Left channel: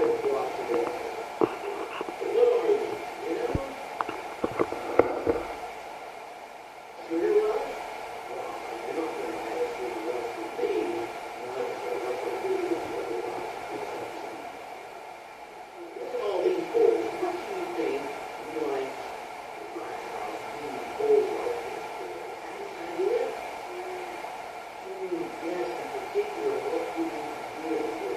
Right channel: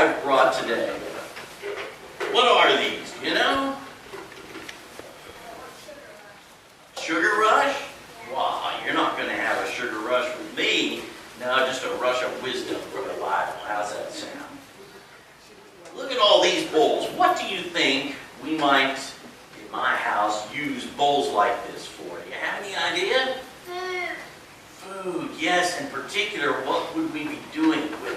I've brought today. What are these? You know? Sugar rush? Wow, you're not going to have a sugar rush with me. No, just a rush of wisdom, Brother Lyle. How's that sound? Look at all these bowls. What do you think we might, in my house, use bowls like this for? Do you have any idea? Food, yes. In particular, what would we be doing with it?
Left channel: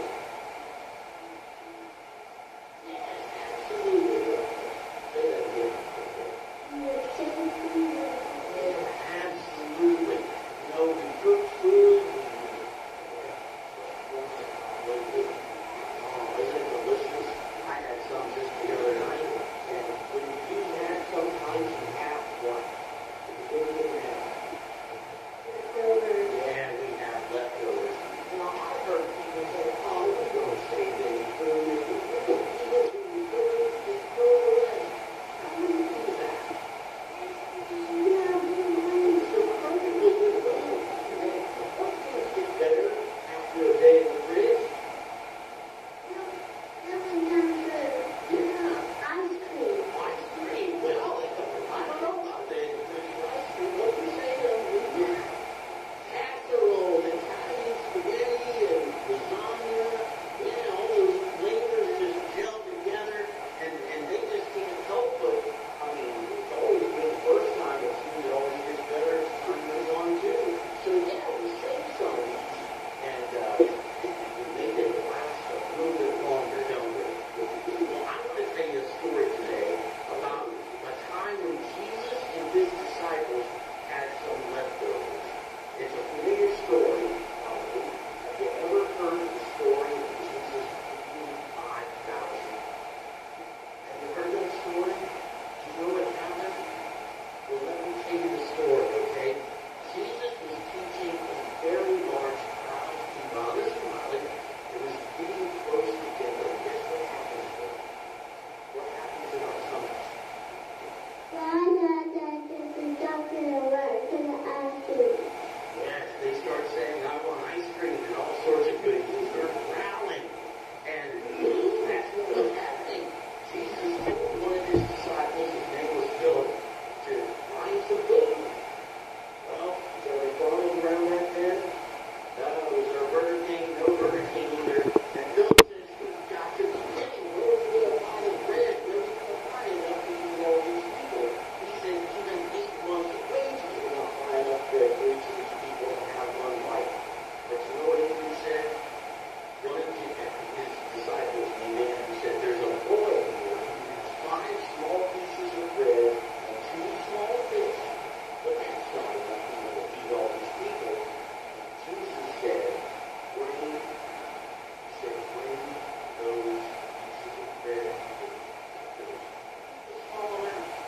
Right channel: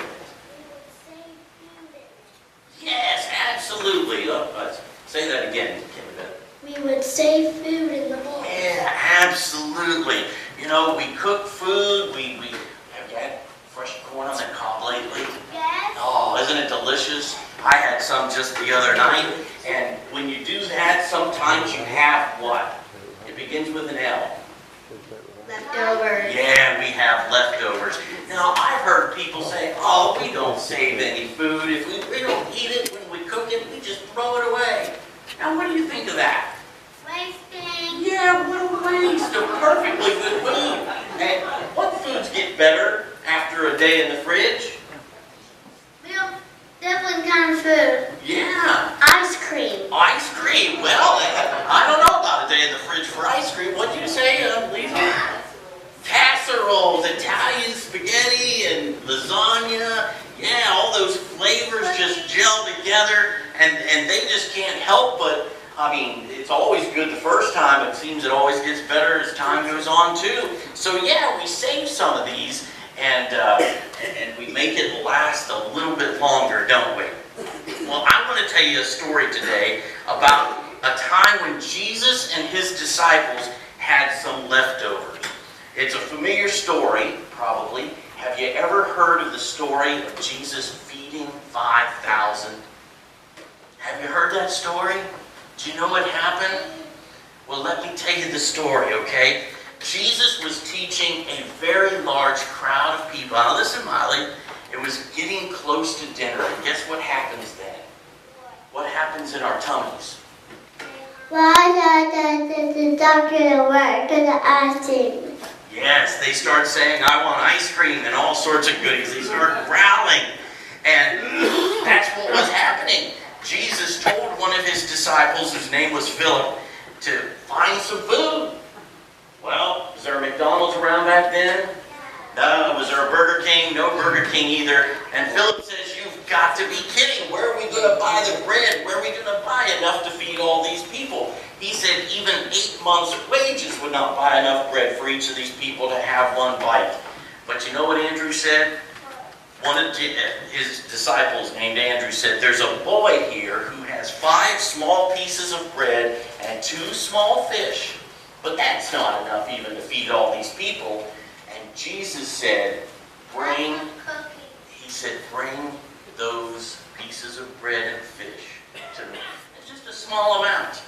Yes, absolutely. Oh, let's say that again. We would save food in the bowl. Yeah, absolutely. You know, we cook food. Have you had fresh corn on the cob lately? Yes. Oh, isn't it delicious? I had some just the other night. And when you do that, sometimes you have what? It begins with an L. Leftovers. Yeah, we have leftovers. Now, I've heard people say, oh, we don't save any food. If we don't eat it when we cook it, we just throw it away. Now, what do you think of that? Wasting. Yeah, what a waste of perfectly good food. And what foods get better after a day in the fridge? Well, different kind of food. Yeah, Ice cream. ice cream. Well, I don't know about a day in the fridge for ice cream. What do you say, Lisa? Casseroles, Italian spaghetti, and lasagna. Yeah, all those flavors just gel together, and they just can't help but, I mean, it's always good the first time. It seems it always gets better as time goes on, too. So, yeah, we save some of these, and we make it last a little bit longer, don't we? Well, I want to tell you a story today about a time when Jesus and his disciples had some leftovers. It's a familiar story, probably. Have you ever heard of the story of Jesus feeding 5,000? Have you heard that story? Do you know what happened? Well, let me tell you the story, okay? Jesus was teaching a very large crowd of people. Now listen, Miley, it was getting close to dinner, and guess what happens then? What happens in our tummies? Well, the doctor at work gonna ask him. Yes, they start saying, I want ice cream and all sorts of goodies. They start growling. And that's what was happening. Jesus told one of his disciples, whose name was Philip, to find some food. Well, was there a McDonald's around back then? No. Was there a Burger King? No Burger King either. And Philip says, you've got to be kidding. Where are we going to buy the bread? Where are we going to buy enough to feed all these people? He said even 8 months' wages would not buy enough bread for each of these people to have one bite. But you know what Andrew said? One of his disciples named Andrew said, there's a boy here who has 5 small pieces of bread and 2 small fish. But that's not enough even to feed all these people. And Jesus said, bring those pieces of bread and fish to me. It's just a small amount.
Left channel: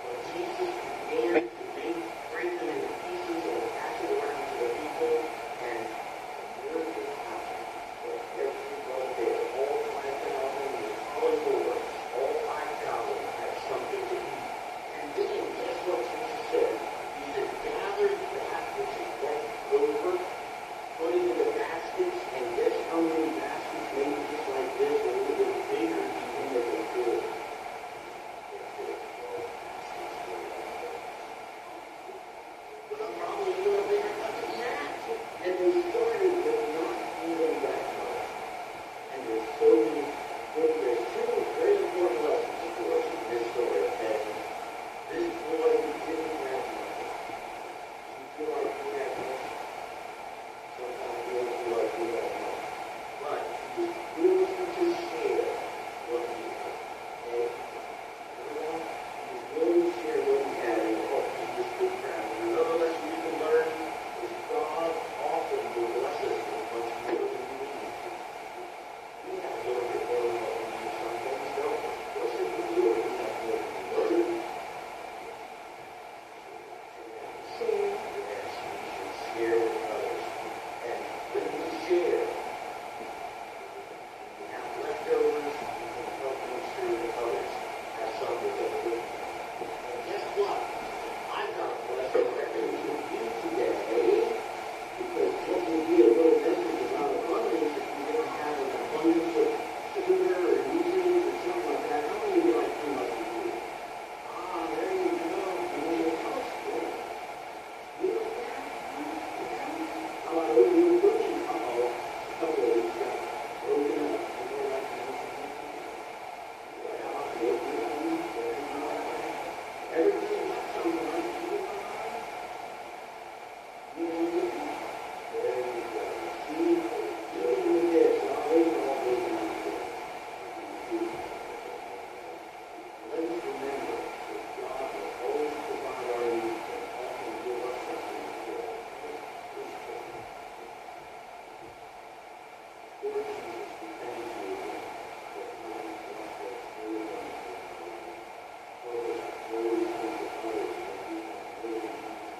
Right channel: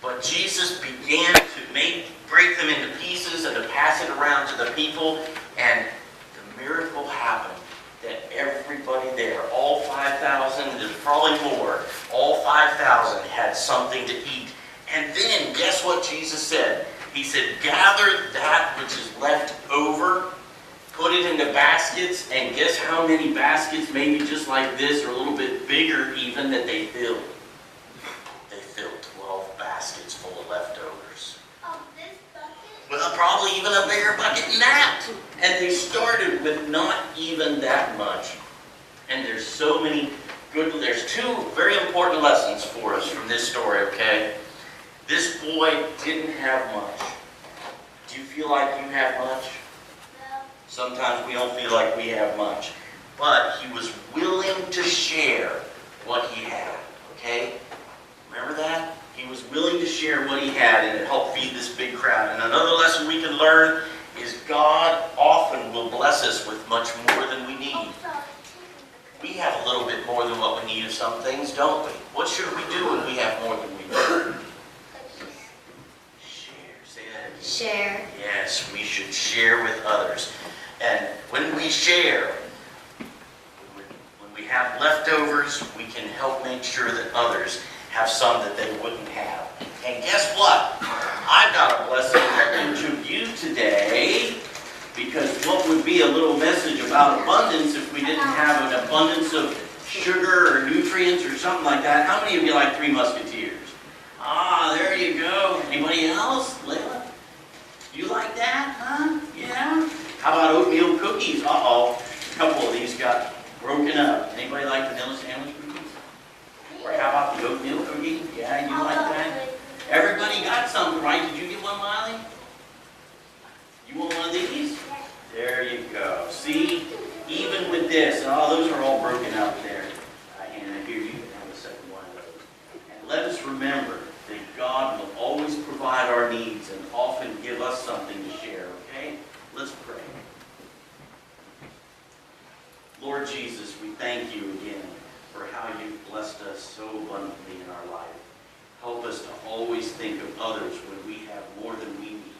But Jesus began to break them into pieces and to pass it around to the people, and the miracle happened that everybody there, all 5,000, there's probably more, all 5,000 had something to eat. And then, guess what Jesus said? He said, gather that which is left over, put it into baskets, and guess how many baskets, maybe just like this, or a little bit bigger even, that they filled? They filled 12 baskets full of leftovers. Well, probably even a bigger bucket than that. And they started with not even that much. And there's so many there's 2 very important lessons for us from this story, okay? This boy didn't have much. Do you feel like you have much? Sometimes we don't feel like we have much. But he was willing to share what he had, okay? Remember that? He was willing to share what he had and to help feed this big crowd. And another lesson we can learn is God often will bless us with much more than we need. We have a little bit more than what we need of some things, don't we? What should we do when we have more than we need? Share. Say that. Share. Yes, we should share with others. And when we share, when we have leftovers, we can help make sure that others have some that they wouldn't have. And guess what? I've got a blessing to you today, because what would be a little message about abundance if we didn't have an abundance of sugar or nutrients or something like that. How many of you like Three Musketeers? Ah, there you go. Anybody else? Layla? You like that, huh? Yeah? How about oatmeal cookies? Uh-oh. A couple of these got broken up. Anybody like vanilla sandwich cookies? Or how about the oatmeal cookie? Yeah, you like that? Everybody got some, right? Did you get one, Miley? You want one of these? There you go. See? Even with this, oh, those are all broken out there. And here you can bring the second one of those. And let us remember that God will always provide our needs and often give us something to share, okay? Let's pray. Lord Jesus, we thank you again for how you've blessed us so abundantly in our life. Help us to always think of others when we have more than we need.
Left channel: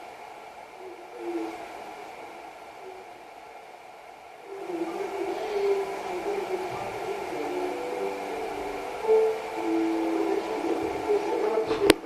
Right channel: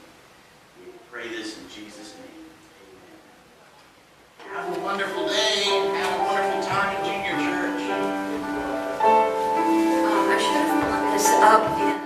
We pray this in Jesus' name. Amen. Have a wonderful day. Have a wonderful time in junior church. I should have brought this up here.